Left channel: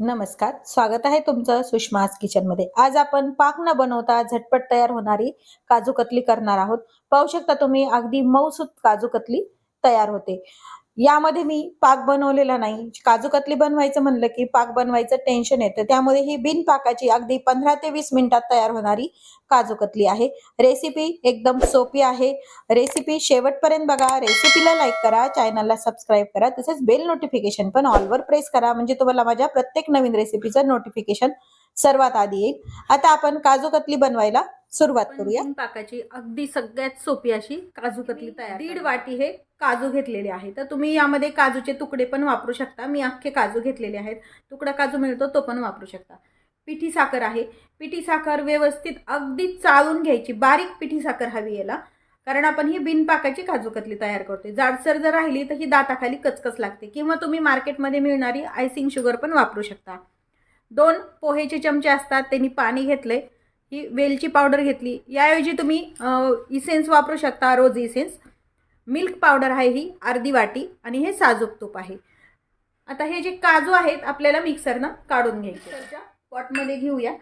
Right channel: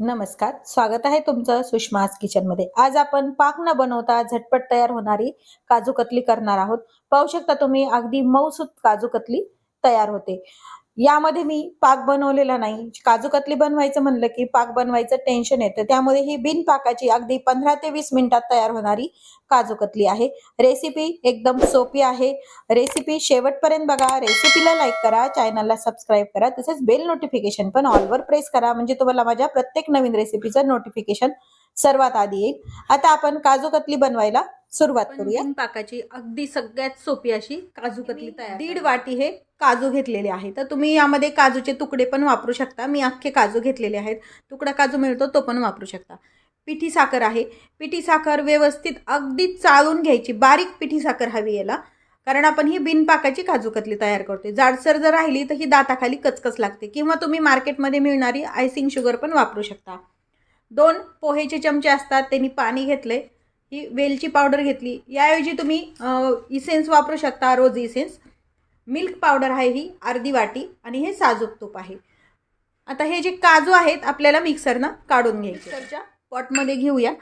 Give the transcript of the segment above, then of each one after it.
नमस्कार, स्वागत आहे तुमचं सुषमास किचन मध्ये। आज आपण पाक न बनवता झटपट तयार होणारी काजू कतली करणार आहोत। पाहू शकता तुम्ही अगदी मऊसूत काजू कतली तयार होते। यामध्ये मी पाक बनवलेला नाही। काजू कतली बनवायचं म्हणलं की पाक बनवायचं टेन्शन येतं, त्यामुळे ही बिन पाकाची अगदी 15 ते 20 मिनिटात तयार होणारी काजू कतली आहे। रेसिपी एकदम सोपी आहे। रेसिपी शेवटपर्यंत बघा। रेसिपीला लाईक करा, चॅनलला सबस्क्राईब करा, तसेच बेल नोटिफिकेशन पण ऑल वर प्रेस करा, म्हणजे तुम्हाला माझ्या प्रत्येक नवीन रेसिपीचं नोटिफिकेशन सर्वात आधी येईल। आता आपण काजू कतली बनवायला सुरुवात करूया। पाकाची अगदी सगळ्यात सोपी अशी काजू कतली तयार। 1.5 वाटी हे काजू घेतलेले आहे, तर तुम्ही यामध्ये काजूचे तुकडे पण वापरू शकता। मी अख्खे काजू घेतलेले आहेत, तुकडा काजू मिळतो तो पण वापरू शकता। पिठी साखर आहे, पिठी साखर व्यवस्थित अगदी चाळून घ्यायची, बारीक पिठी साखर हवी याला, कारण आपण ही बिनपाकाची काजू कतली तयार करतोय। जाडसर जर राहिली तर ही दाताखाली कचकच लागते, किंवा तुम्ही मार्केटमध्ये मिळणारी आयसिंग शुगर पण वापरू शकता। 2 पोहेचे चमचे असतात, त्यांनी पाणी घेतले। ही वेलची पावडर घेतली, याऐवजी तुम्ही इसेन्स वापरू शकता, रोज इसेन्स। मिल्क पावडर आहे ही अर्धी वाटी, आणि हे साजूक तूप आहे। आता हे जे काजू आहेत आपल्याला मिक्सरनं काढून घ्यायचे। मिक्सरच्या पॉटमध्ये घेऊया।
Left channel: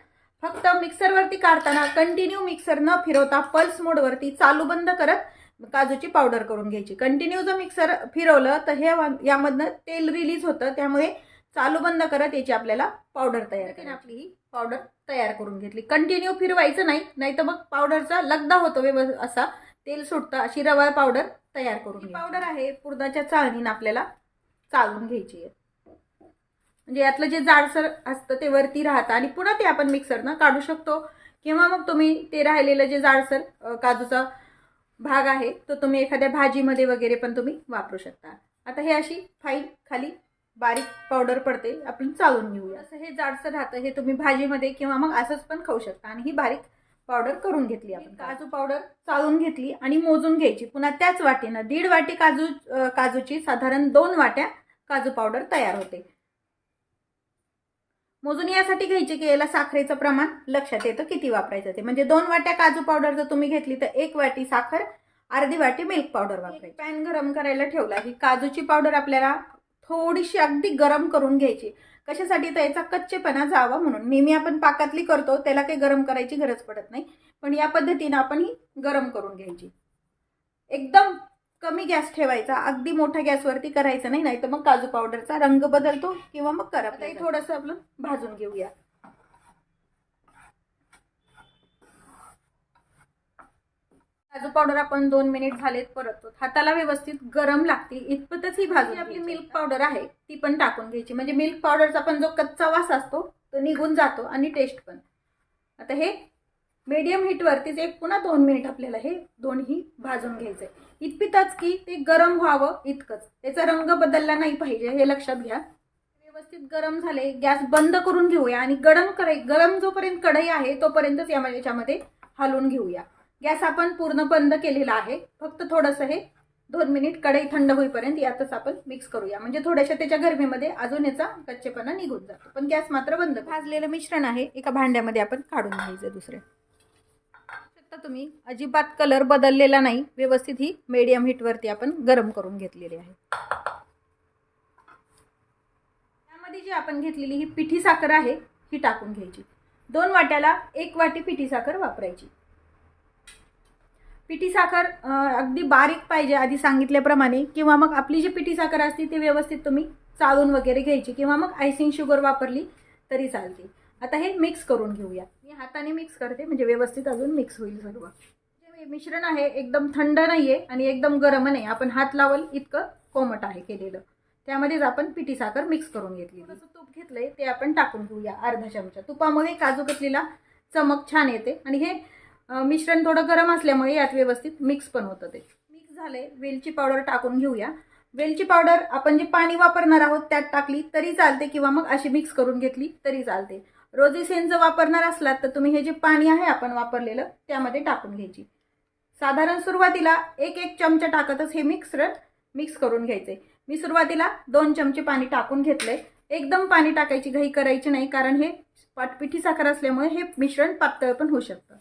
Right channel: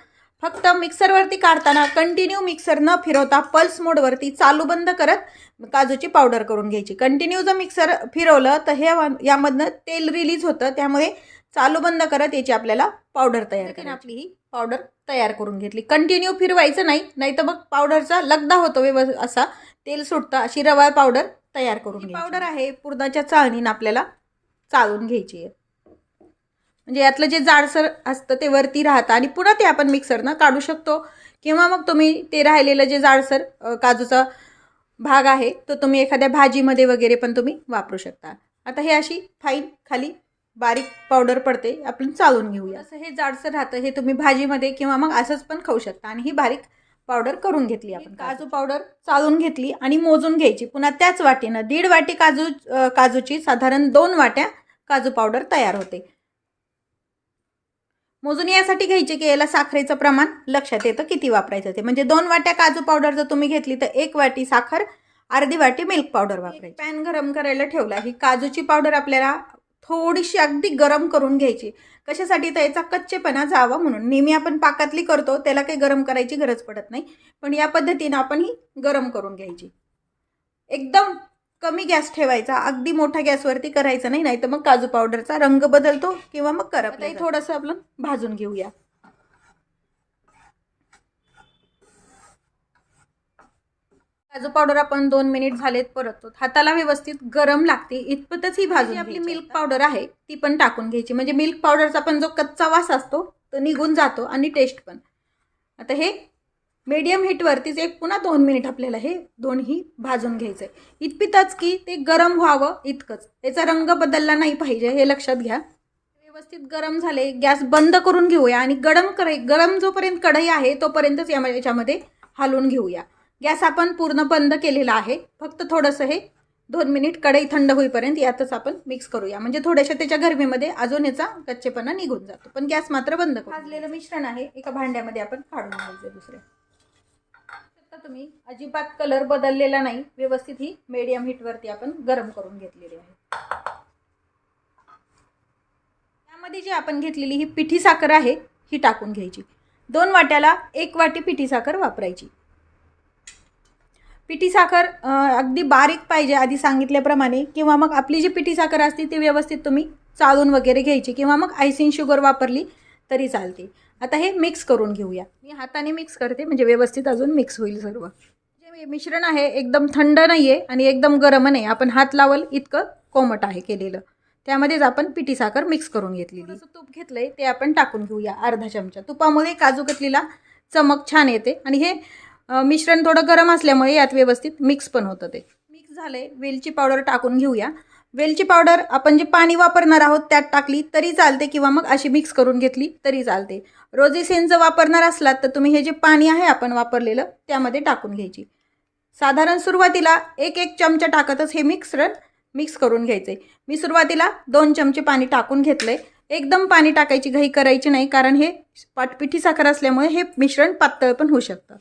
फक्त मिक्सरवरती काढताना कंटिन्यू मिक्सर न फिरवता पल्स मोडवरती चालू बंद करत काजूची पावडर करून घ्यायची। कंटिन्यू जर मिक्सर फिरवलं तर हे यामधनं तेल रिलीज होतं, त्यामुळे चालू बंद करत याची आपल्याला पावडर तयार करायची। आपली ही पावडर तयार करून घेतली। कंटिन्यू फिरवायचं नाही, नाहीतर मग पावडरचा लगदा होतो, असा तेल सुटतं। अशी रवा पावडर तयार करून घ्यायची। पावडर आहे पुरणाच्या चाळणीने आपल्याला चाळून घ्यायची आहे, म्हणजे यातलं जे जाडसर असतं ते वरती राहतं, आणि पुन्हा ते आपण मिक्सरनं काढू शकतो, किंवा मग तुम्ही ते राहिलेलं जे जाडसर काजूचा भाग आहे तो तुम्ही एखाद्या भाजीमध्ये वगैरे पण तुम्ही वापरू शकता। आता हे अशी फाईन खाली बारीक पावडर पडते, आपण चाळून घेऊया। असं हे जाडसर राहतं, हे तुम्ही भाजीमध्ये किंवा मग असंच पण खाऊ शकता। आणि ही बारीक पावडर करून घेतली आपण। काजू पावडर चाळून घेतली आणि मोजून घ्यायची। पुन्हा त्याच वाटीनं 1.5 वाटी काजूची साधारण 2 वाट्या काजू पावडर तयार होते। मोजून यासाठी घ्यायचे की याला साखरेचं प्रमाण लक्षात येतं किती वापरायचं ते, म्हणजे 2 वाट्या काजू पावडर जर तुम्ही घेतली तर 1 वाटी साखर, अर्धी वाटी मिल्क पावडर वापरायची। पॅन गरम करायला ठेवला। ही काजूची पावडर आपल्याला थोडीशी अगदी गरम करून घ्यायची। कशासाठी? तर याचा कच्चेपणा जावा म्हणून। नेहमी आपण पाकातली करतो त्याला काही गरम करायची गरज पडत नाही, पण या पद्धतीने आपण ही गरम करून घ्यायची। एकदम कमी गॅस ठेवायचा, अगदी मोठ्या गॅसवरती करायचं नाही, नाहीतर मग काजू पावडरचा रंग बदलतो किंवा मग करपतं। थोडंसं आपण भाजून घेऊया। काजू पावडर आपण 2 मिनिट झालेत परततो। हाताला व्यवस्थित गरम लागते इतपतच ही भाजी। आपली मिल्क पावडर आहे ती पण टाकून घ्यायची, म्हणजे मिल्क पावडरचा पण जो कच्चा वास असतो तो निघून जातो, आणि टेस्ट पण। आता हे मीडियम हीटवरतीच एक पुन्हा 2 मिनिट आपल्याला हे दोन्ही भाजून घ्यायचं आहे। इतपतच की ते गरम व्हावं इतकंच, त्याचा रंग बदलला नाही पाहिजे, हे लक्षात घ्या। व्यवस्थित गरम झाले, गॅस बंद करून घेऊया, आणि गरम जोपर्यंत कढई आहे तोपर्यंतच याच्यामध्ये हलवून घेऊया। गॅस आपण पूर्ण बंद केलेला आहे, फक्त थोडंसं हे 2 मिनिट कढई थंड होईपर्यंत यातच आपण मिक्स करूया, म्हणजे थोड्याशा त्याच्या गरमीमध्ये अजून याचा कच्चेपणा निघून जातो। पण गॅस मात्र बंद करू। भाजलेलं मिश्रण आहे एका भांड्यामध्ये आपण काढून घ्यायचं दुसरे। तुम्ही अजिबात कलर बदललेला नाही, व्यवस्थित ही मीडियम हीटवरती आपण गरम करून घेतलेली आहे। त्यामध्ये जी आपण घेतलेली ही पिठी साखर आहे ही टाकून घ्यायची। 2 वाट्याला 1 वाटी पिठी साखर वापरायची। पिठी साखर अगदी बारीक पाहिजे आधी सांगितल्याप्रमाणे, किंवा मग आपली जी पिठी साखर असते ती व्यवस्थित तुम्ही चाळून वगैरे घ्यायची, किंवा मग आयसिंग शुगर वापरली तरी चालते। आता हे मिक्स करून घेऊया। मी हाताने मिक्स करते, म्हणजे व्यवस्थित अजून मिक्स होईल सर्व। जे मिश्रण आहे एकदम थंड नाहीये आणि एकदम गरम नाही, आपण हात लावल इतकं कोमट आहे केलेलं। त्यामध्येच आपण पिठी साखर मिक्स करून घेतलेली। तूप घेतलंय ते आपण टाकून घेऊया, अर्धा चमचा। तुपामुळे काजू कतलीला चमक छान येते, आणि हे मिश्रण थोडं गरम असल्यामुळे यात व्यवस्थित मिक्स पण होतं। ते मिक्स झाले, वेलची पावडर टाकून घेऊया। वेलची पावडर आपण जे पाणी वापरणार आहोत त्यात टाकली तरी चालते, किंवा मग अशी मिक्स करून घेतली तरी चालते। रोजी सेन्स जर वापरणार असलात तर तुम्ही हे जे पाणी आहे आपण वापरलेलं त्यामध्ये टाकून घ्यायची। साधारण सुरुवातीला 1 चमचा टाकतच हे मिश्रण मिक्स करून घ्यायचे। मी सुरुवातीला 2 चमचे पाणी टाकून घेतले। एकदम पाणी टाकायची घाई करायची नाही, कारण हे पिठी साखर असल्यामुळे हे मिश्रण पातळ पण होऊ शकतं।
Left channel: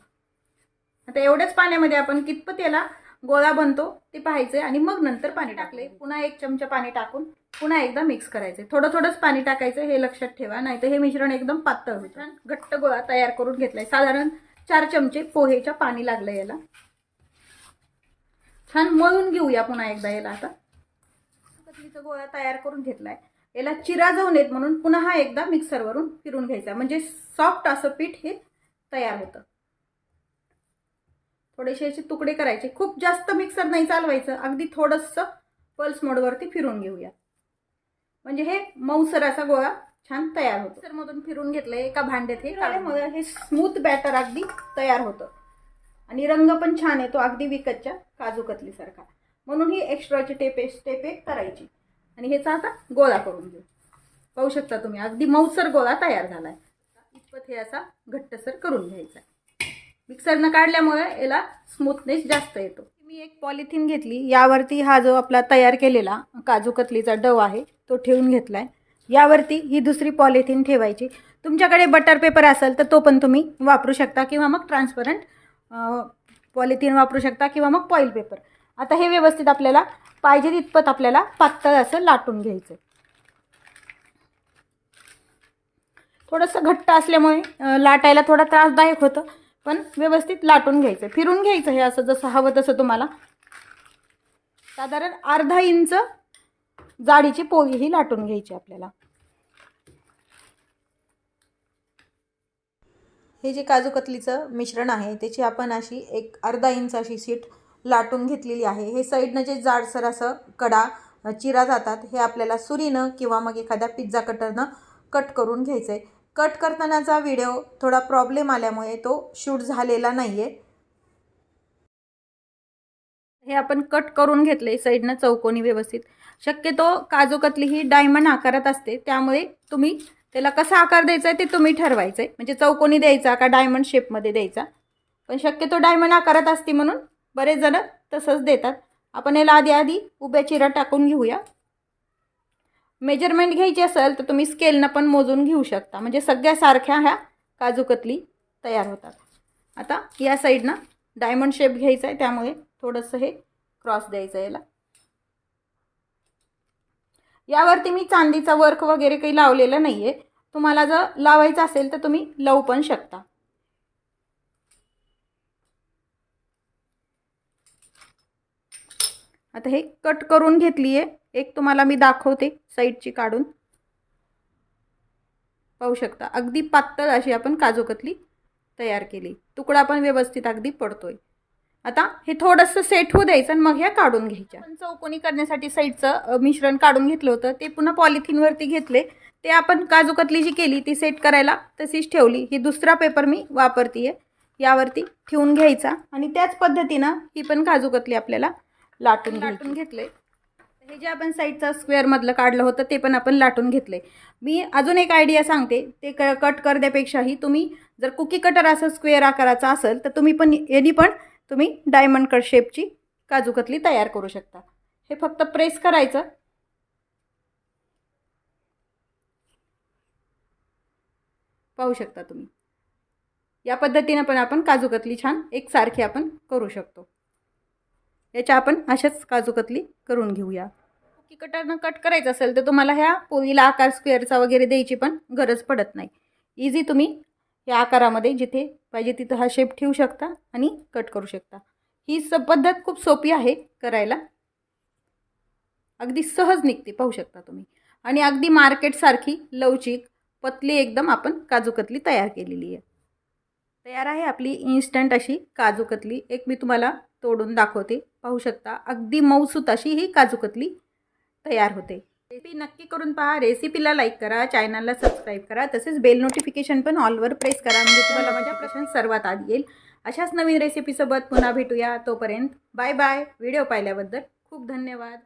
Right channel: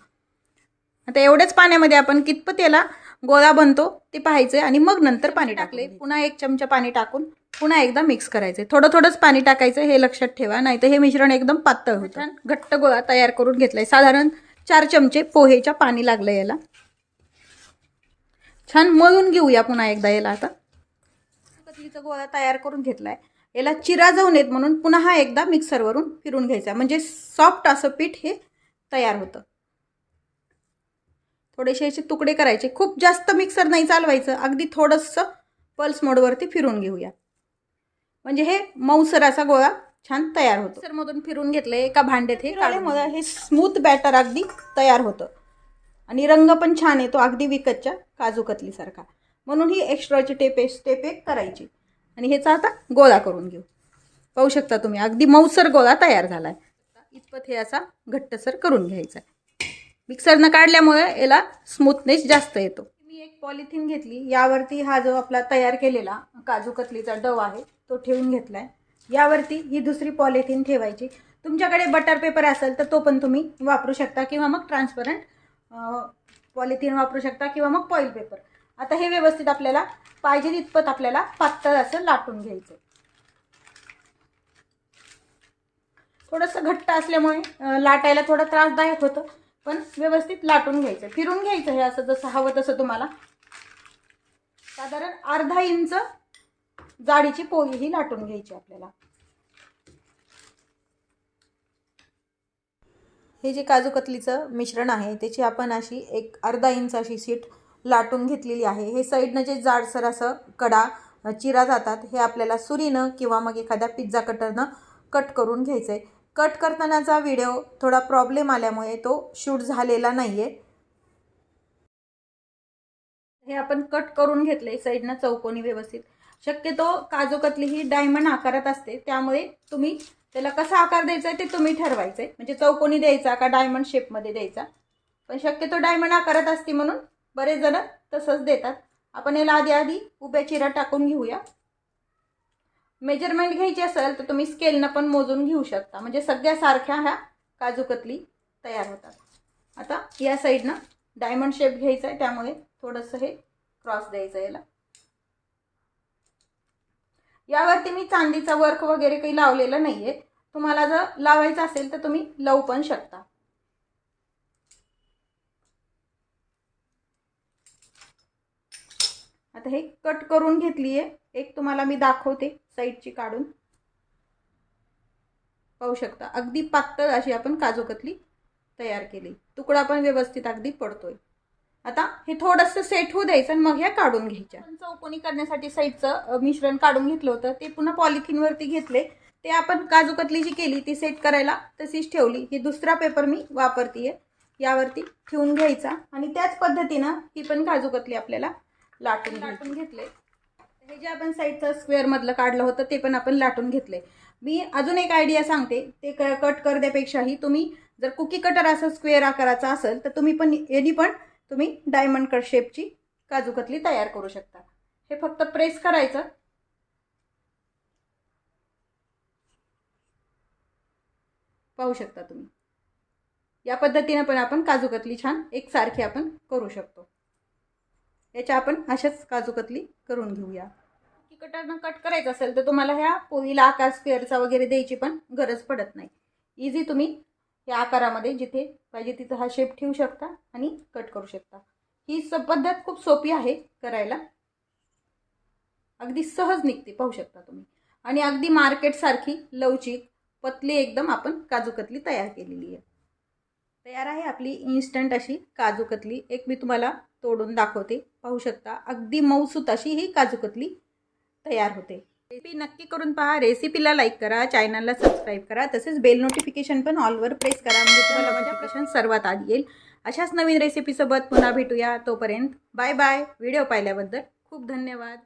आता एवढ्याच पाण्यामध्ये आपण कितपत याला गोळा बनतो ते पाहायचं आणि मग नंतर पाणी टाकले. पुन्हा 1 चमचा पाणी टाकून पुन्हा एकदा मिक्स करायचं. थोडं थोडंच पाणी टाकायचं हे लक्षात ठेवा, नाहीतर हे मिश्रण एकदम पातळ होतं. छान घट्ट गोळा तयार करून घेतलाय. साधारण 4 चमचे पोहेच्या पाणी लागलं याला. छान मळून घेऊया पुन्हा एकदा याला. आता कतलीचा गोळा तयार करून घेतलाय. याला चिरा जाऊ नयेत म्हणून पुन्हा एकदा मिक्सरवरून फिरून घ्यायचा, म्हणजे सॉफ्ट असं पीठ हे तयार होतं. थोडेसे असे तुकडे करायचे. खूप जास्त मिक्सर नाही चालवायचं, अगदी थोडंसं पल्स मोडवरती फिरून घेऊया, म्हणजे हे मऊसर असा गोळा छान तयार होतो. मिक्सरमधून फिरून घेतलं एका भांड्यात. हे स्मूथ बॅटर अगदी तयार होतं आणि रंग पण छान येतो, अगदी विकतच्या काजू कतलीसारखा. म्हणून ही एक्स्ट्राची स्टेप एक करायची आणि ह्याचा आता गोळा करून घेऊ. पाहू शकता तुम्ही अगदी मऊसर गोळा तयार झालाय. इतपत हे असा घट्टसर करून घ्यायचा. मिक्सरनं काढल्यामुळे याला स्मूथनेस जास्त येतो. मी एक पॉलिथिन घेतली, यावरती हा जो आपला तयार केलेला काजू कतलीचा डव आहे तो ठेवून घेतलाय. यावरती ही दुसरी पॉलिथिन ठेवायची. तुमच्याकडे बटर पेपर असेल तर तो पण तुम्ही वापरू शकता, किंवा मग ट्रान्सपरंट पॉलिथिन वापरू शकता, किंवा मग फॉईल पेपर. आता हे व्यवस्थित आपल्याला पाहिजे तितपत आपल्याला पातळ असं लाटून घ्यायचं. थोडंसं घट्ट असल्यामुळे लाटायला थोडा त्रासदायक होतं, पण व्यवस्थित लाटून घ्यायचं, फिरून घ्यायचं. हे असं जसं हवं तसं तुम्हाला. साधारण अर्धा इंच जाडीची पोळी ही लाटून घ्यायची आपल्याला. हे जे काजू कतलीचं मिश्रण आहे त्याची आपण अशी एक अर्धा इंच अशी शीट लाटून घेतलेली आहे. हे साईडनं जे जाडसर असं कडा चिरा जातात हे आपल्याला सुरीनं किंवा मग एखाद्या पिझ्झा कटरनं कट करून घ्यायचं आहे. कट करतानाचा व्हिडिओ थोडा प्रॉब्लेम आल्यामुळे तो शूट झालेला नाही आहे. हे आपण कट करून घेतले साईडनं चौकोनी व्यवस्थित. शक्यतो काजू कतली ही डायमंड आकारात असते, त्यामुळे तुम्ही त्याला कसा आकार द्यायचा आहे ते तुम्ही ठरवायचं आहे, म्हणजे चौकोनी द्यायचा का डायमंड शेपमध्ये द्यायचा. पण शक्यतो डायमंड आकारात असते म्हणून बरेच जण तसंच देतात. आपण याला आधी उभ्या चिरा टाकून घेऊया. मेजरमेंट घ्यायची असेल तर तुम्ही स्केलनं पण मोजून घेऊ शकता, म्हणजे सगळ्या सारख्या ह्या काजू कतली तयार होतात. आता या साईडनं डायमंड शेप घ्यायचा आहे, त्यामुळे थोडंसं हे क्रॉस द्यायचं याला. यावरती मी चांदीचा वर्क वगैरे काही लावलेलं नाही आहे. तुम्हाला जर लावायचं असेल तर तुम्ही लावू पण शकता. आता हे कट करून घेतली आहे. एक तुम्हाला मी दाखवते साईडची काढून. पाहू शकता अगदी पातळ अशी आपण काजू कतली तयार केली. तुकडा पण व्यवस्थित अगदी पडतोय. आता हे थोडंसं सेट होऊ द्यायचं आणि मग ह्या काढून घ्यायच्या. चौकोनी करण्यासाठी साईडचं मिश्रण काढून घेतलं होतं ते पुन्हा पॉलिथिनवरती घेतले. ते आपण काजू कतली जी केली ती सेट करायला तशीच ठेवली. ही दुसरा पेपर मी वापरतीये. यावरती ठेवून घ्यायचा आणि त्याच पद्धतीनं ही पण काजू कतली आपल्याला लाटून घेतले. हे जे आपण साईडचं स्क्वेअरमधलं काढलं होतं ते पण आपण लाटून घेतले. मी अजून एक आयडिया सांगते. ते कट करण्यापेक्षाही तुम्ही जर कुकी कटर असं स्क्वेअर आकाराचा असेल तर तुम्ही पण यांनी पण तुम्ही डायमंड कट शेपची काजू कतली तयार करू शकता. हे फक्त प्रेस करायचं. पाहू शकता तुम्ही. या पद्धतीने पण आपण काजू कतली छान एकसारखी आपण करू शकतो. याच्या आपण अशाच काजू कतली करून घेऊया. कुकी कटरनं कट करायचं असेल तर तुम्हाला ह्या पोळीला आकार स्क्वेअरचा वगैरे द्यायची पण गरज पडत नाही. इझी तुम्ही या आकारामध्ये जिथे पाहिजे तिथं हा शेप ठेवू शकता आणि कट करू शकता. ही पद्धत खूप सोपी आहे करायला. अगदी सहज निघते पाहू शकता तुम्ही. आणि अगदी मार्केटसारखी लवचिक पतली एकदम आपण काजू कतली तयार केलेली आहे. तयार आहे आपली इन्स्टंट अशी काजू कतली. एक मी तुम्हाला तोडून दाखवते. पाहू शकता अगदी मऊसूत अशी ही काजू कतली तयार होते. रेसिपी नक्की करून पहा. रेसिपीला लाईक करा, चॅनलला सबस्क्राईब करा, तसेच बेल नोटिफिकेशन पण ऑलवर प्रेस करा, म्हणजे तुम्हाला नोटिफिकेशन सर्वात आधी येईल. अशाच नवीन रेसिपीसोबत पुन्हा भेटूया. तोपर्यंत बाय बाय. व्हिडिओ पाहिल्याबद्दल खूप धन्यवाद.